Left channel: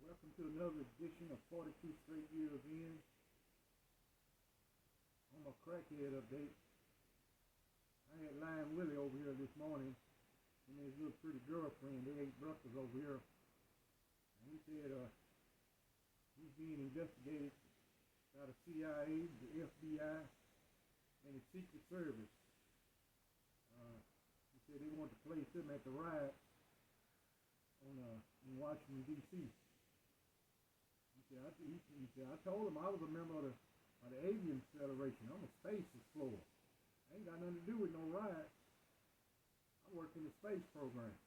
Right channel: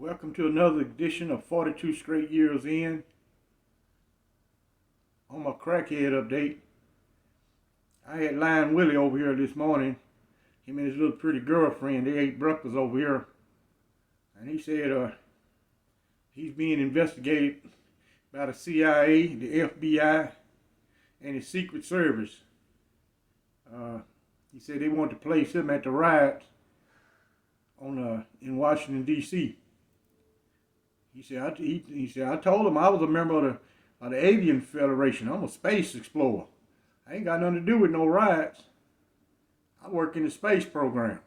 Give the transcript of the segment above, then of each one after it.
Welcome to another edition of 42 Straight Years In. On my crackhead update, I had Lion Willie over here this morning. Him and his little pretty girlfriend, they ate breakfast over here. And he said he's being investigated by the CIA, the FBI, and the Secret Service. He said they want to place him at the riots in Washington, D.C. He said, I told him I was a member of the Avian Federation. I'm a space explorer. I ain't got nothing to do with no riots. I work in the space program.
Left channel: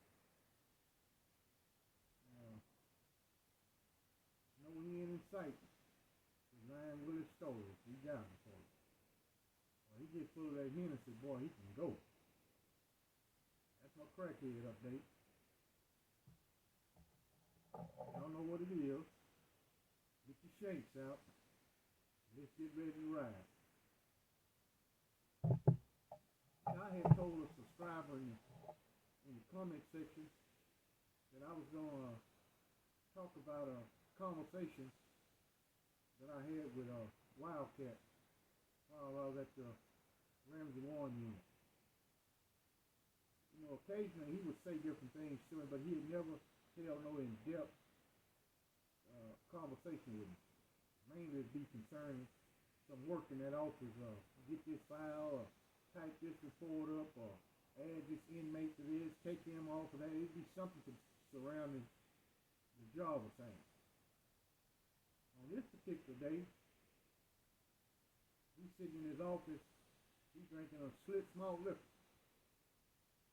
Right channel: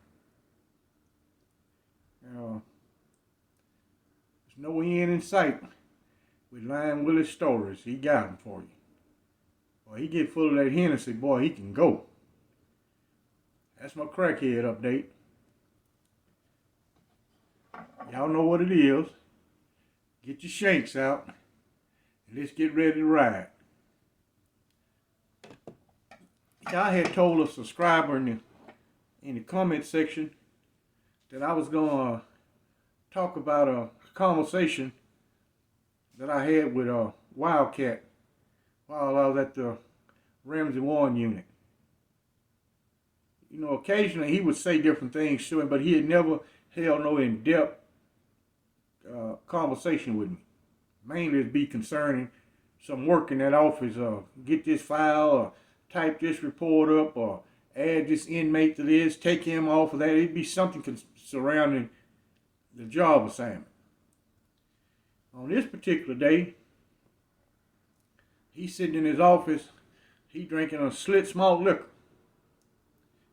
There's no end in sight with Lion Willie's stories. He got them for you. Boy, he get full of that Hennessy, boy, he can go. That's my crackhead update. Y'all know what it is. Get your shanks out and let's get ready to ride. I had told a subscriber in the comment section that I was gonna talk about a conversation that I had with a Wildcat while I was at the Ramsey warden unit. You know, occasionally he would say different things to him, but he had never held no in-depth conversation with me. Mainly it'd be concerning some work in that office, get this file, or type this report up, or add this inmate to this, take him off of that. It'd be something surrounding the job assignment. On this particular day, he's sitting in his office, he drinking a slit malt liquor,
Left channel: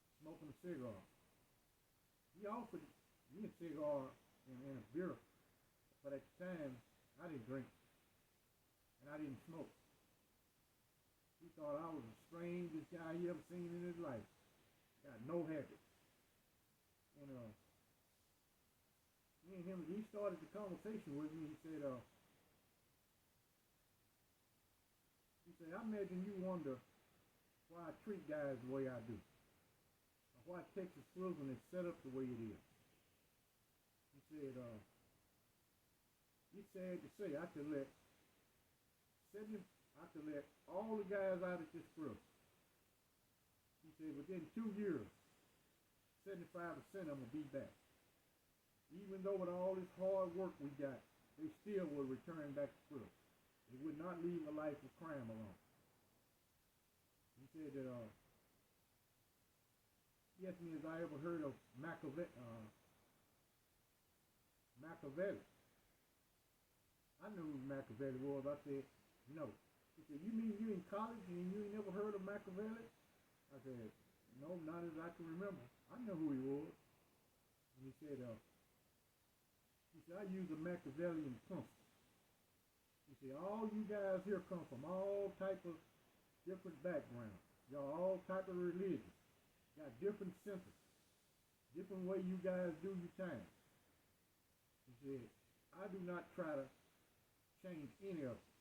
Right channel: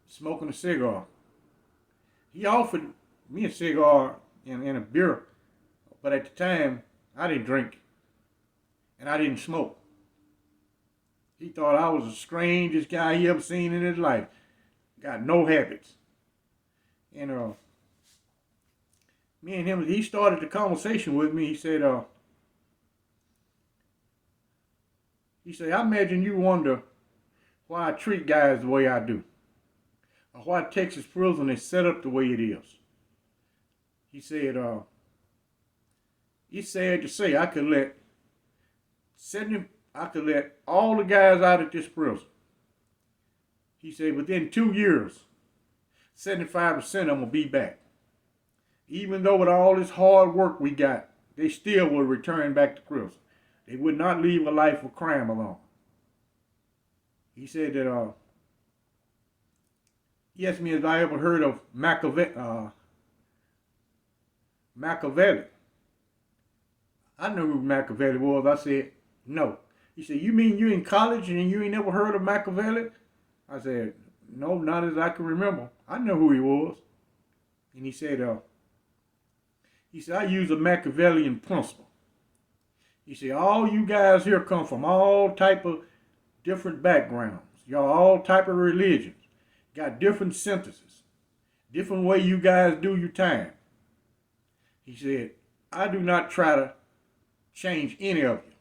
smoking a cigar. He offered me a cigar and a beer, but at the time, I didn't drink, and I didn't smoke. He thought I was the strangest guy he ever seen in his life. Got no habits. And me and him, he started the conversation with me. He said, I imagine you wonder why I treat guys the way I do, or why Texas prison is set up the way it is. He said, it's sad to say I could let all the guys out of this prison. He said within 2 years, 75% of them will be back. Even though with all this hard work we got, they still will return back to prison. They would not leave a life of crime alone. He said that he asked me if I ever heard of Machiavelli. I knew who Machiavelli was. I said, no. He said, you mean you in college and you ain't never heard of Machiavelli? I said, no, not as I can remember. I know who he was. And he said, I use a Machiavellian principle. He said, all you guys here come from all type of different backgrounds. Y'all all type of religions. Got different sentences. Different way you guys do your time. He said, I do not try to change any of you.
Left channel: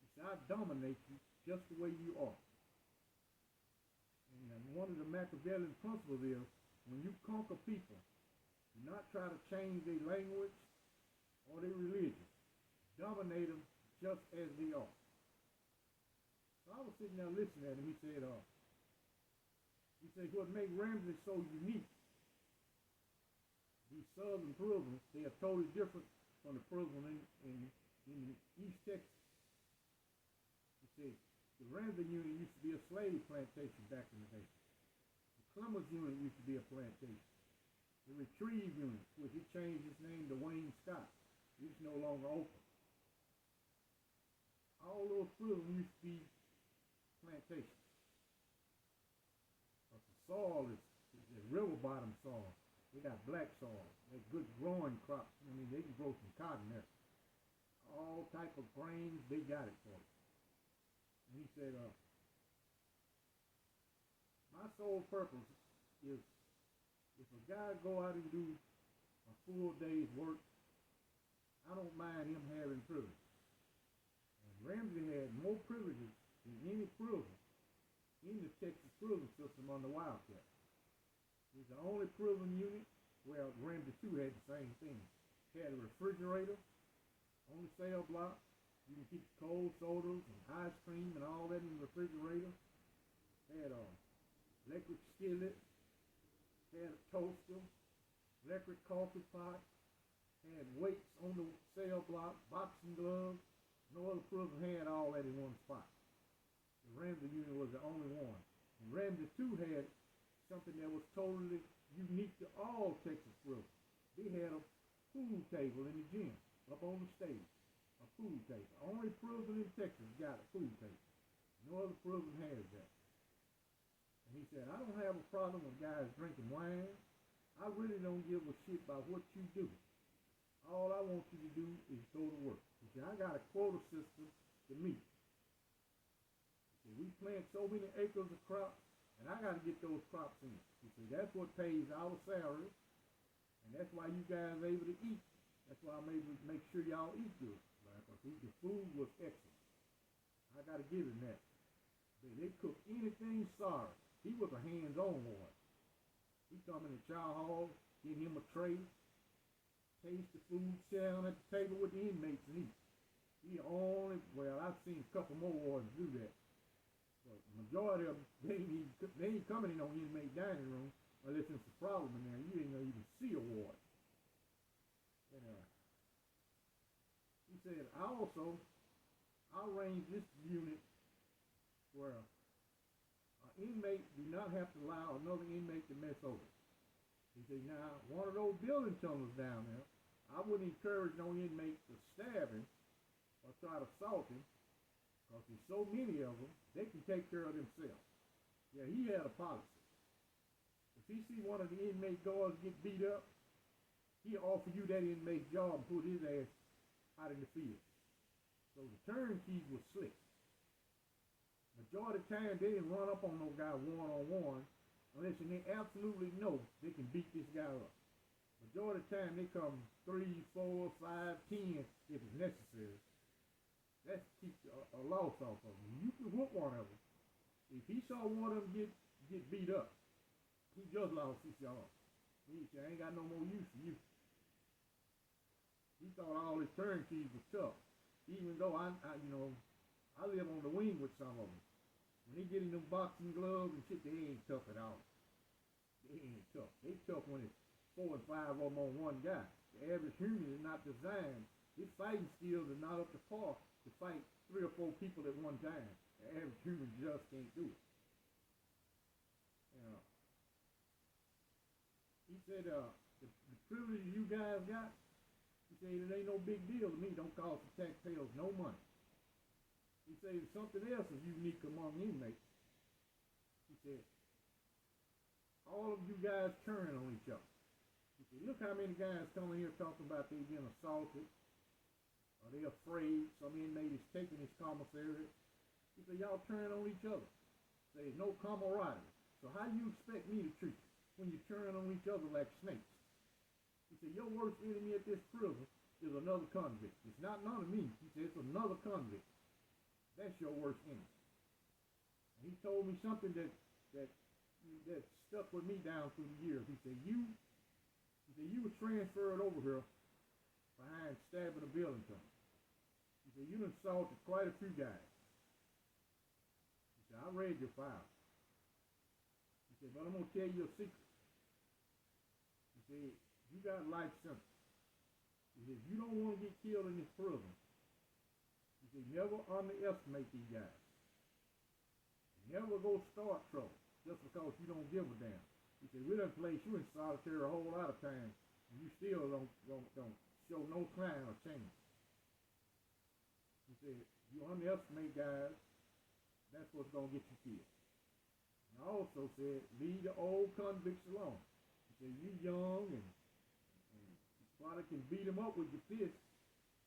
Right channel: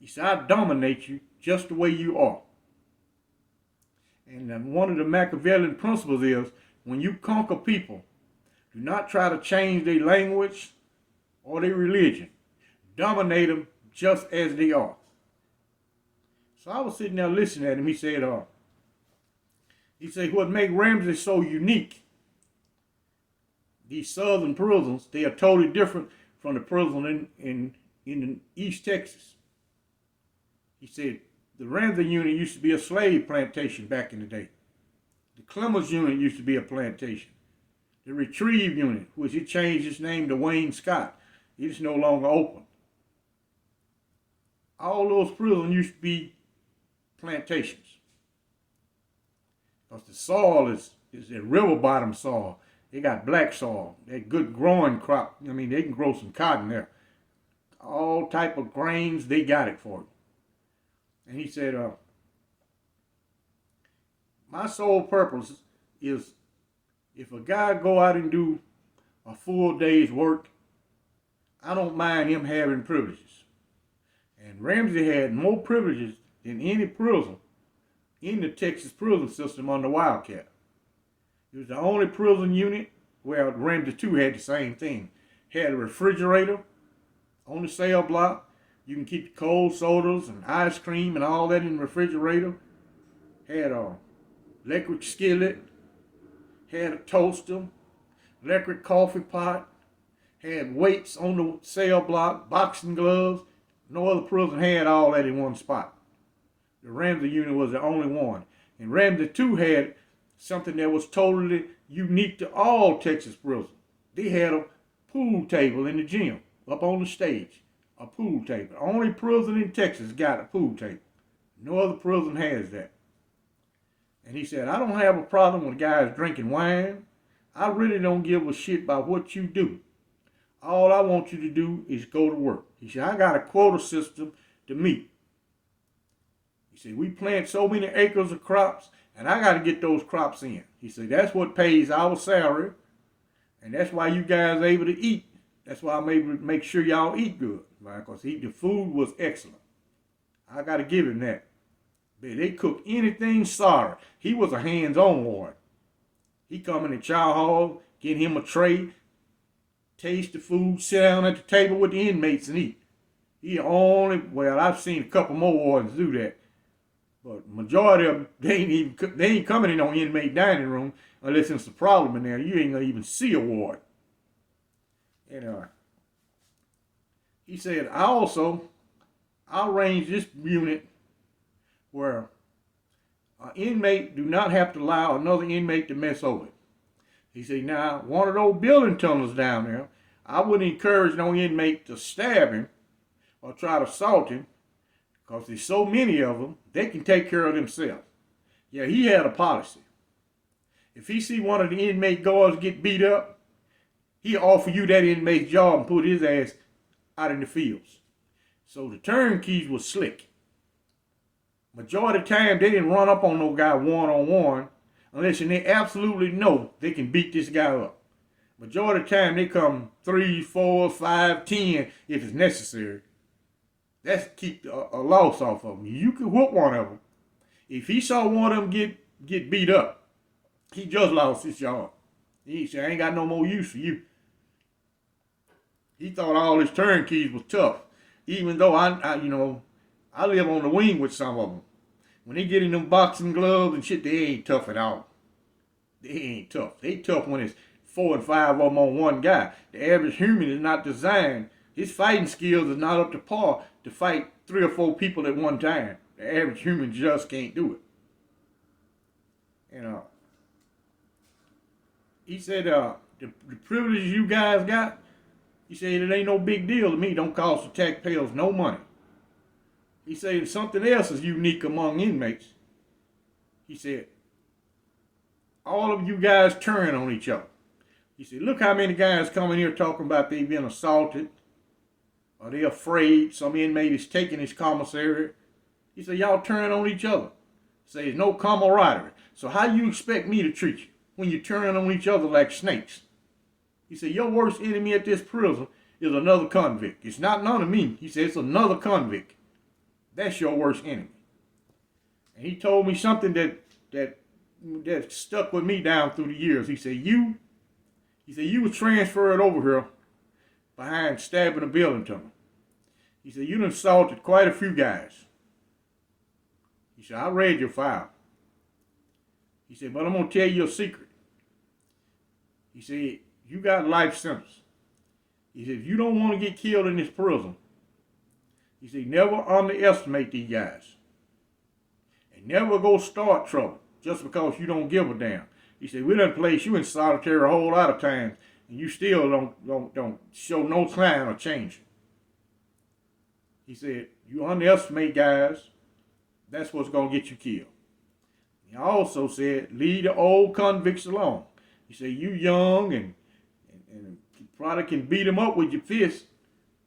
He said, I dominate you just the way you are. And one of the Machiavellian principles is, when you conquer people, do not try to change their language or their religion. Dominate them just as they are. So I was sitting there listening at him. He said, what makes Ramsey so unique, these southern prisons, they are totally different from the prison in East Texas. He said, the Ramsey unit used to be a slave plantation back in the day. The Clemens unit used to be a plantation. The Retrieve unit, which he changed its name to Wayne Scott, it's no longer open. All those prisons used to be plantations. Because the soil is a river bottom soil. They got black soil. They good growing crop. I mean, they can grow some cotton there. All type of grains, they got it for you. And he said, my sole purpose is, if a guy go out and do a full day's work, I don't mind him having privileges. And Ramsey had more privileges than any prison in the Texas prison system under Wildcat. It was the only prison unit, well, Ramsey 2 had the same thing. Had a refrigerator on the cell block. You can keep the cold sodas and ice cream and all that in the refrigerator. Had a electric skillet. Had a toaster. Electric coffee pot. Had weights on the cell block. Boxing gloves. No other prison had all that in one spot. The Ramsey unit was the only one. And Ramsey 2 had something that was totally unique to all Texas prisons. They had a pool table in the gym, up on the stage. A pool table. Only prison in Texas got a pool table. No other prison has that. And he said, I don't have a problem with guys drinking wine. I really don't give a shit about what you do. All I want you to do is go to work. He said, I got a quota system to meet. He said, we plant so many acres of crops, and I got to get those crops in. He said, that's what pays our salary, and that's why you guys are able to eat. That's why I'm able to make sure y'all eat good, right? Because the food was excellent. I got to give him that. But they cook anything sorry. He was a hands-on warden. He come in the chow hall, get him a tray, taste the food, sit down at the table with the inmates and eat. Well, I've seen a couple more wardens do that. But majority of them, they ain't coming in on inmate dining room unless it's a problem in there. You ain't gonna even see a ward. And he said, I'll arrange this unit where an inmate do not have to allow another inmate to mess over it. He said, now, one of those building tunnels down there, I wouldn't encourage no inmate to stab him or try to assault him, because there's so many of them, they can take care of themselves. Yeah, he had a policy. If he see one of the inmate guards get beat up, he offer you that inmate's job and put his ass out in the fields. So the turnkeys was slick. Majority of the time, they didn't run up on no guy one-on-one unless they absolutely know they can beat this guy up. Majority of the time, they come 3, 4, 5, 10 if it's necessary. That's keep a loss off of them. You could whoop one of them. If he saw one of them get beat up, he just lost his job. He said, I ain't got no more use for you. He thought all his turnkeys was tough. Even though I live on the wing with some of them. When they get in them boxing gloves and shit, they ain't tough at all. They ain't tough. They tough when it's 4 and 5 of them on one guy. The average human is not designed. His fighting skills is not up to par to fight 3 or 4 people at one time. The average human just can't do it. And he said, the privileges you guys got, he said, it ain't no big deal to me. Don't cost the taxpayers no money. He said, something else is unique among inmates. He said, all of you guys turn on each other. He said, look how many guys come in here talking about they've been assaulted, or they're afraid some inmate is taking his commissary. He said, y'all turn on each other. He said, there's no camaraderie. So how you expect me to treat you when you turn on each other like snakes? He said, your worst enemy at this prison is another convict. It's not none of me. He said, it's another convict. That's your worst enemy. And he told me something that stuck with me down through the years. He said, you were transferred over here behind stabbing a building tunnel. He said, you done assaulted quite a few guys. He said, I read your file. He said, but I'm going to tell you a secret. He said, you got life sentence. He said, if you don't want to get killed in this prison, he said, never underestimate these guys. And never go start trouble just because you don't give a damn. He said, we done place you in solitary a whole lot of times, and you still don't show no sign of changing. He said, you underestimate guys, that's what's going to get you killed. He also said, leave the old convicts alone. He said, you young and you probably can beat them up with your fists.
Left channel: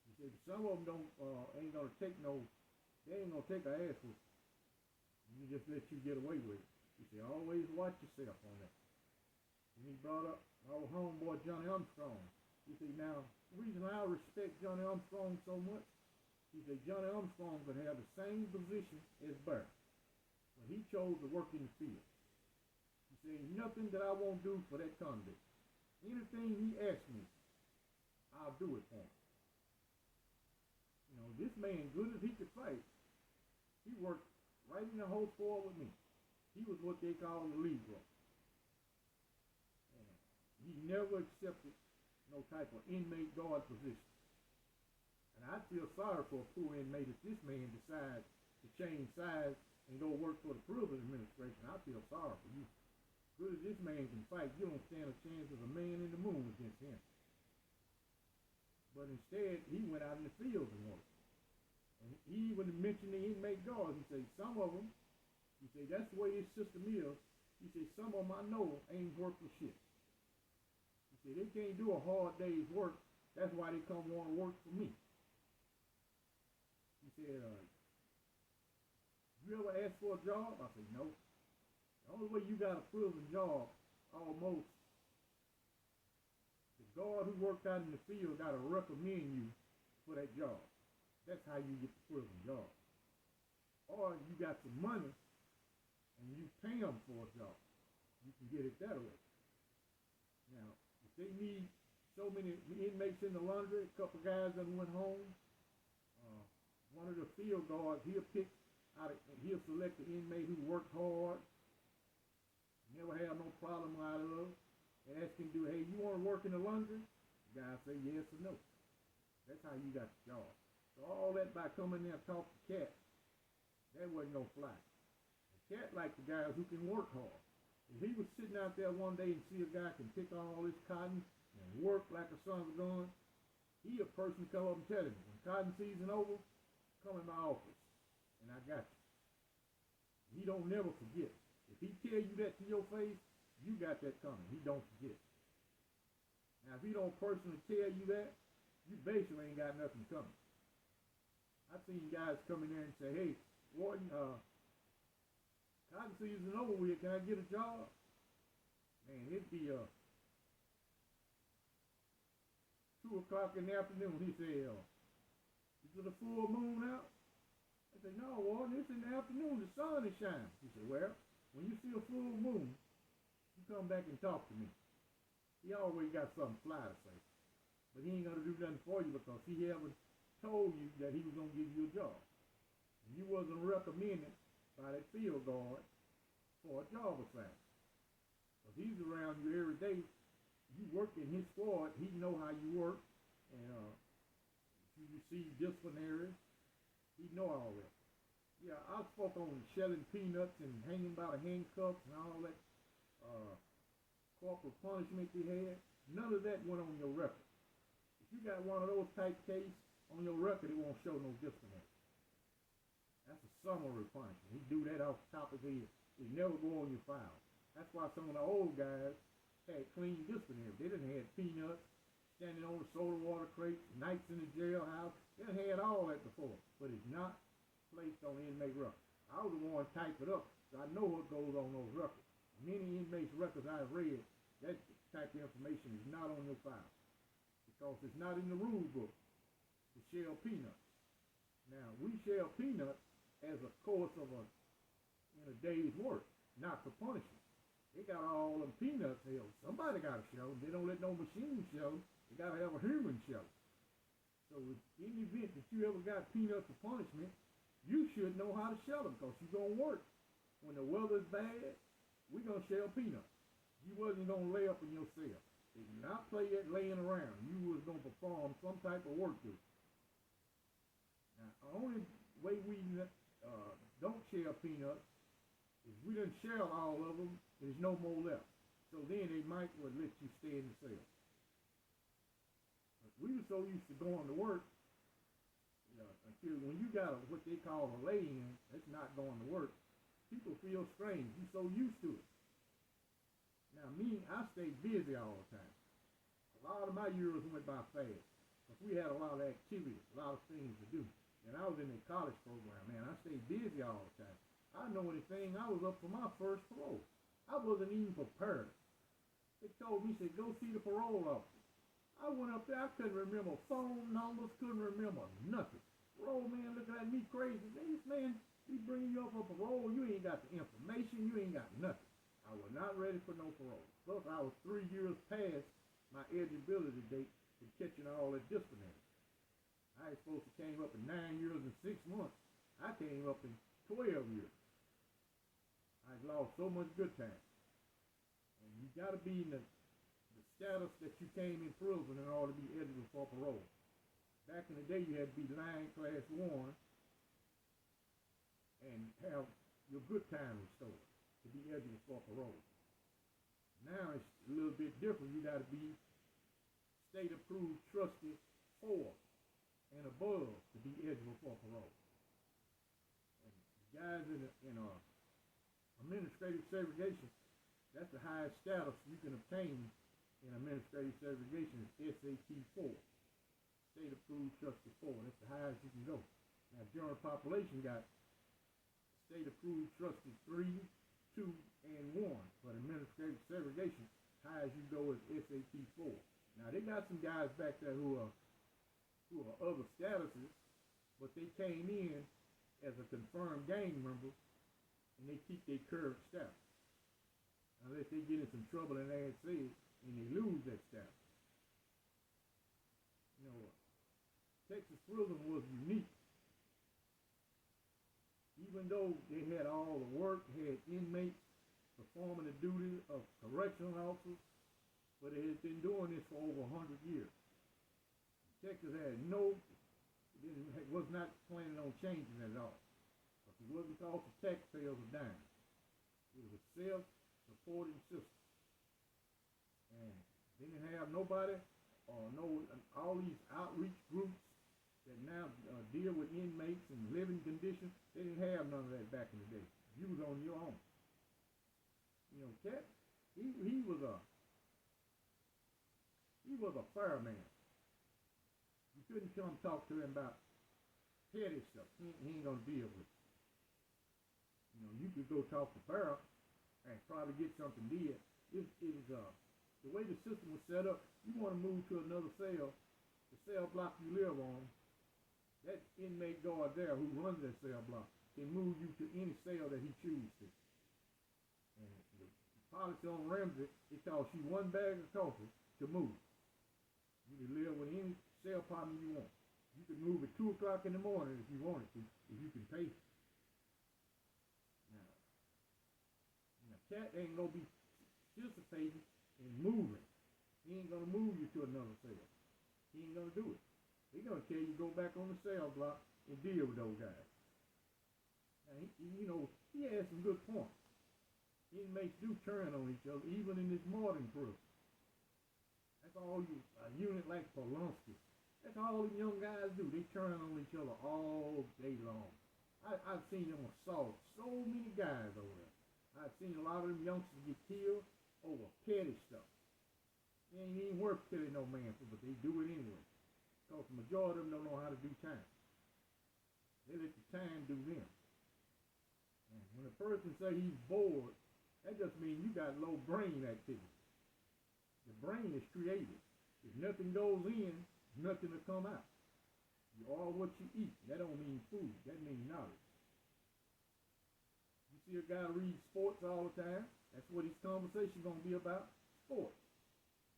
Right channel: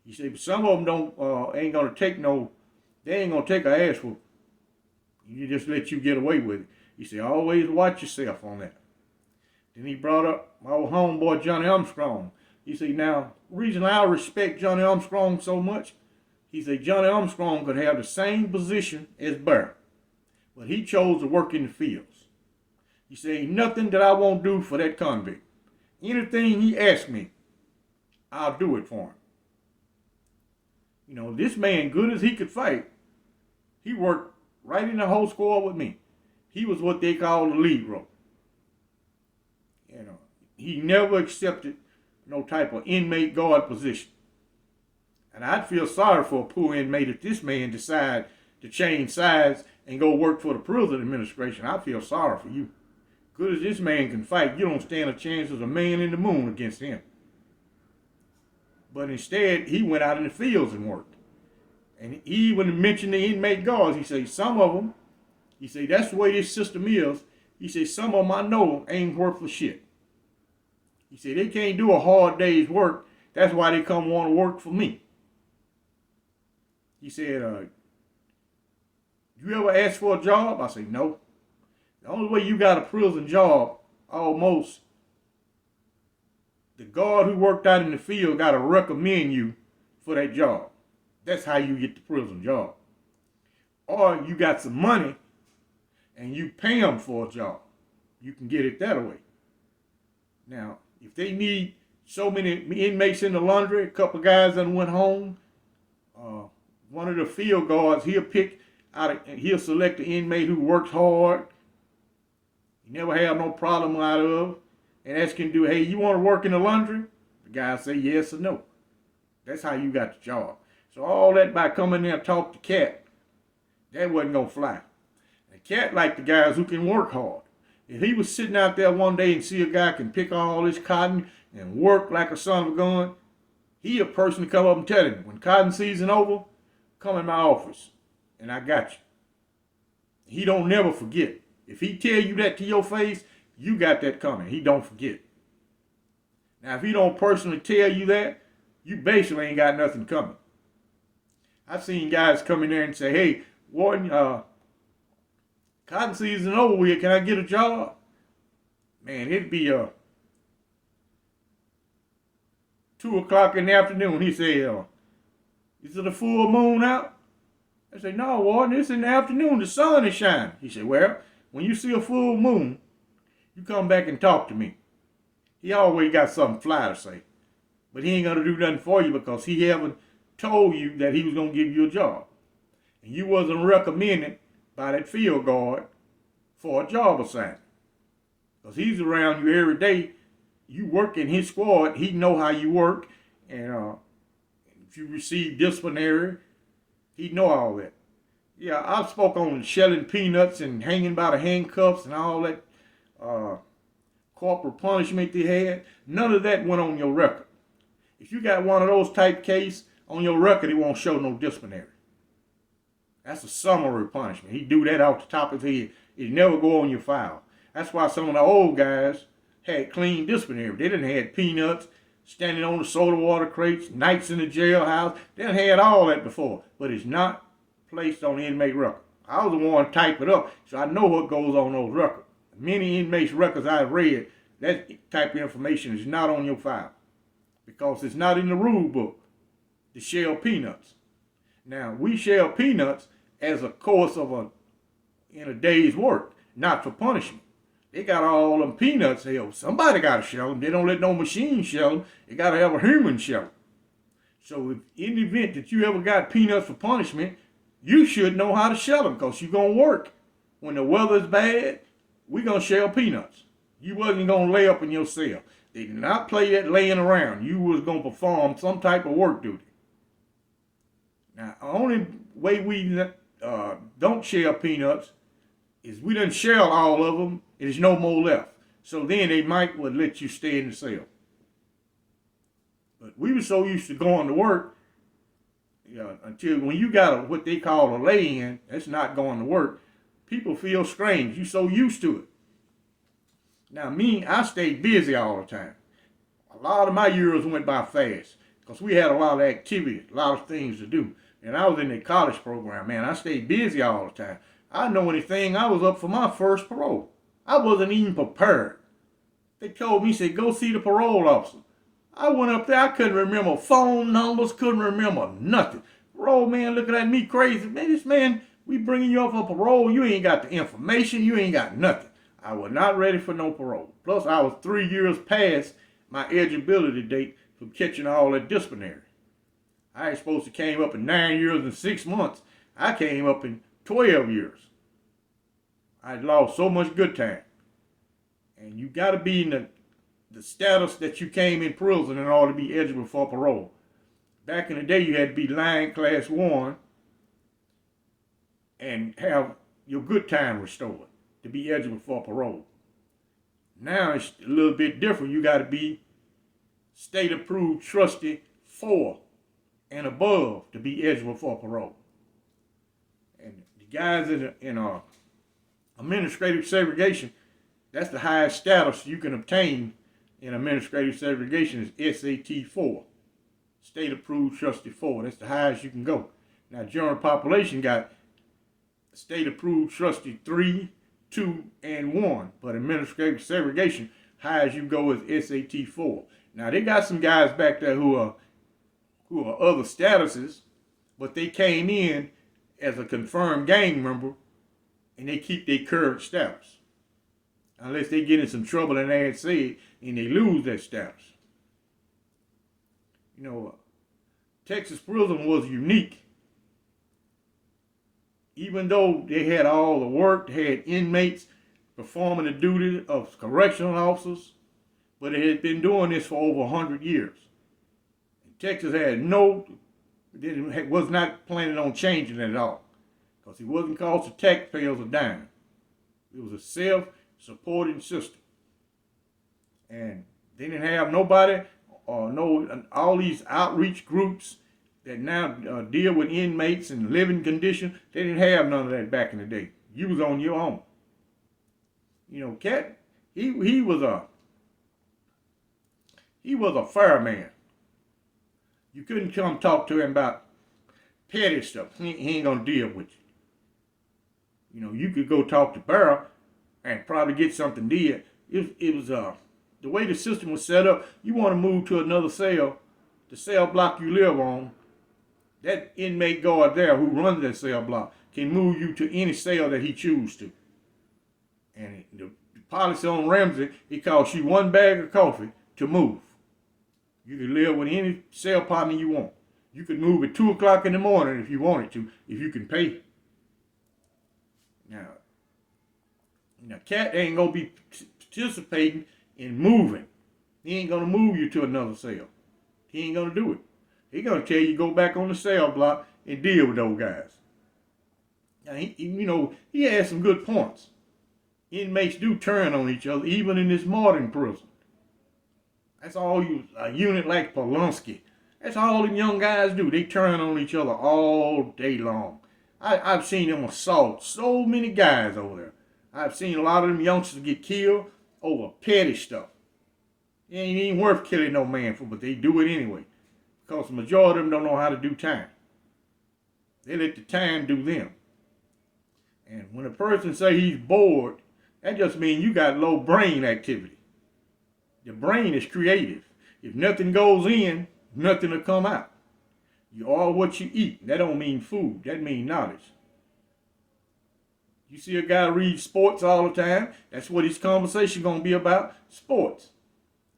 He said, but some of them ain't going to take they ain't going to take an ass whoop. You just let you get away with it. He said, always watch yourself on that. Then he brought up my old homeboy, Johnny Armstrong. He said, now, the reason I respect Johnny Armstrong so much, he said, Johnny Armstrong could have the same position as Bear, but he chose to work in the fields. He said, ain't nothing that I won't do for that convict. Anything he asked me, I'll do it for him. You know, this man, good as he could fight, he worked right in the whole squad with me. He was what they call the lead rope. You know, he never accepted no type of inmate guard position. And I'd feel sorry for a poor inmate if this man decide to change sides and go work for the prison administration. I feel sorry for you. Good as this man can fight, you don't stand a chance as a man in the moon against him. But instead, he went out in the fields and worked. And he even mentioned the inmate guards. He said, some of them, he said, that's the way this system is. He said, some of them I know ain't worth for shit. He said, they can't do a hard day's work. That's why they come want to work for me. He said, you ever ask for a job? I said, no. The only way you got a prison job, almost, the guard who worked out in the field got to recommend you for that job. That's how you get the prison job. Or you got some money and you pay them for a job. You can get it that way. Now, if they need so many inmates in the laundry, a couple of guys that went home, one of the field guards, he'll select the inmate who works hard. He never have no problem out of, and ask him, hey, you want to work in the laundry? The guy say yes or no. That's how you got the job. So all that by coming there and talk to Cat, that wasn't going to fly. And Cat liked the guys who can work hard. If he was sitting out there one day and see a guy can pick all this cotton and work like a son of a gun, he a person to come up and tell him, when cotton season over, come in my office and I got you. He don't never forget. If he tell you that to your face, you got that coming. He don't forget. Now, if he don't personally tell you that, you basically ain't got nothing coming. I've seen guys come in there and say, hey, warden, cotton season over with, can I get a job? Man, it'd be 2 o'clock in the afternoon. He say, is it a full moon out? I say, no, warden, it's in the afternoon. The sun is shining. He said, well, when you see a full moon, you come back and talk to me. He always got something fly to say. But he ain't going to do nothing for you because he haven't told you that he was going to give you a job. And you wasn't recommended by that field guard for a job assignment. Because he's around you every day. You work in his squad. He know how you work. And if you receive disciplinary, he know all that. Yeah, I spoke on shelling peanuts and hanging by the handcuffs and all that corporal punishment they had. None of that went on your record. If you got one of those type cases on your record, it won't show no disciplinary. That's a summary punishment. He do that off the top of his head. It never go on your file. That's why some of the old guys had clean disciplinary. They didn't have peanuts, standing on the soda water crates, nights in the jailhouse. They done had all that before, but it's not placed on the inmate record. I was the one to type it up, so I know what goes on those records. Many inmates' records I've read, that type of information is not on your file because it's not in the rule book to shell peanuts. Now, we shell peanuts as a course of in a day's work, not for punishment. They got all them peanuts hell. Somebody got to shell them. They don't let no machine shell them. They got to have a human shell them. So if in the event that you ever got peanuts for punishment, you should know how to shell them because you're going to work. When the weather's bad, we're going to shell peanuts. You wasn't going to lay up in your cell. They did not play that laying around. You was going to perform some type of work duty. Now, the only way we don't shell peanuts is we done shell all of them, and there's no more left. So then they might would let you stay in the cell. But we were so used to going to work, until when you got what they call a lay-in, that's not going to work, people feel strange. You're so used to it. Now me, I stayed busy all the time. A lot of my years went by fast because we had a lot of activity, a lot of things to do. And I was in the college program, man. I stayed busy all the time. I know anything, I was up for my first parole. I wasn't even prepared. They told me, said, go see the parole officer. I went up there, I couldn't remember phone numbers, couldn't remember nothing. Parole man looking at me crazy. Man, this man, we bringing you up for parole, you ain't got the information, you ain't got nothing. I was not ready for no parole. Plus, I was 3 years past my eligibility date from catching all that disciplinary. I ain't supposed to came up in 9 years and 6 months. I came up in 12 years. I lost so much good time. And you got to be in the status that you came in prison in order to be eligible for parole. Back in the day, you had to be line class 1 and have your good time restored to be eligible for parole. Now it's a little bit different. You got to be state approved trustee 4 and above to be eligible for parole. And the guys in administrative segregation, that's the highest status you can obtain in administrative segregation is SAT 4. State approved trustee 4. That's the highest you can go. Now general population got state approved trustee 3, 2, and 1. But administrative segregation, highest you go is SAT 4. Now they got some guys back there who are other statuses, but they came in as a confirmed gang member and they keep their current status. Unless they get in some trouble and they had said and they lose that status. You know, Texas prison was unique. Even though they had all the work, they had inmates performing the duty of correctional officers, but they had been doing this for over 100 years. Texas had was not planning on changing it at all, because it wasn't costing taxpayers a dime. It was a self-supporting system. And they didn't have nobody or all these outreach groups that now deal with inmates and living conditions. They didn't have none of that back in the day. You was on your own. You know, Cat, he was a fair man. You couldn't come talk to him about petty stuff. He ain't gonna deal with you. You know, you could go talk to Barrow and probably get something did. It was the way the system was set up. You want to move to another cell, the cell block you live on, that inmate guard there who runs that cell block can move you to any cell that he chooses to. And the policy on Ramsey, it costs you 1 bag of coffee to move. You can live with any cell partner you want. You could move at 2 o'clock in the morning if you wanted to, if you can pay. Now, Cat ain't gonna be participating in moving. He ain't gonna move you to another cell. He ain't gonna do it. He gonna tell you go back on the cell block and deal with those guys. Now, he has some good points. Inmates do turn on each other, even in this modern prison. That's all a unit like Polanski. That's all them young guys do. They turn on each other all day long. I've seen them assault so many guys over there. I've seen a lot of them youngsters get killed over petty stuff. It ain't even worth killing no man for, but they do it anyway. Because the majority of them don't know how to do time. They let the time do them. And when a person say he's bored, that just means you got low brain activity. The brain is creative. If nothing goes in, nothing will come out. You are what you eat. That don't mean food. That means knowledge. You see a guy read sports all the time, that's what his conversation going to be about, sports.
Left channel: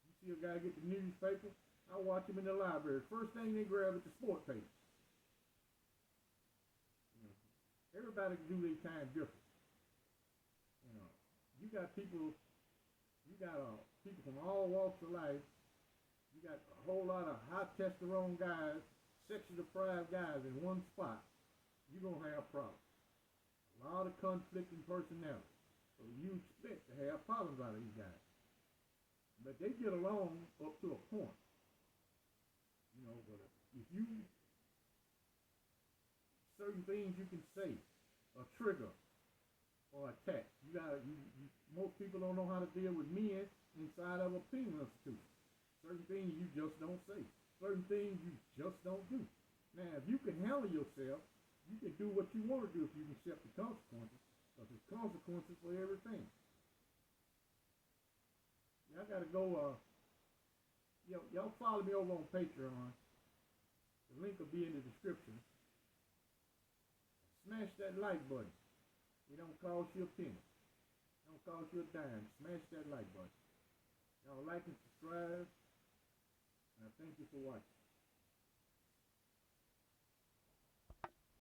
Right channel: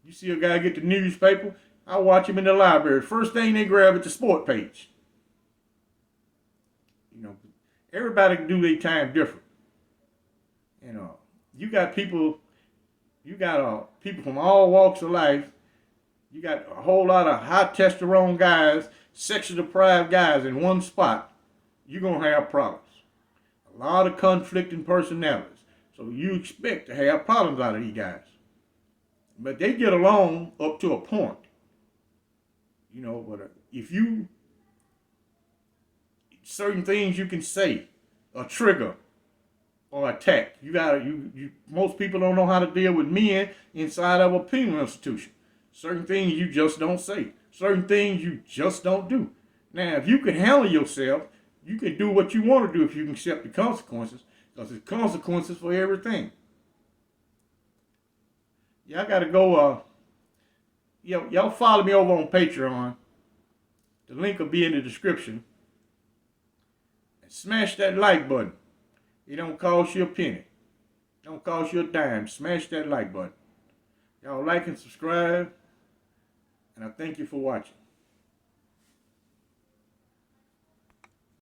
You see a guy get the newspaper, I watch him in the library. First thing they grab is the sport page. You know, everybody can do their time different. And you got people from all walks of life. You got a whole lot of high testosterone guys, sexually deprived guys in one spot. You're going to have problems. A lot of conflicting personalities. So you expect to have problems out of these guys. But they get along up to a point. You know, but certain things you can say, a trigger or attack. Most people don't know how to deal with men inside of a penal institution. Certain things you just don't say. Certain things you just don't do. Now, if you can handle yourself, you can do what you want to do if you can accept the consequences, because there's consequences for everything. Y'all got to go, y'all follow me over on Patreon. The link will be in the description. And smash that like button. It don't cost you a penny. It don't cost you a dime. Smash that like button. Y'all like and subscribe. And Now, thank you for watching.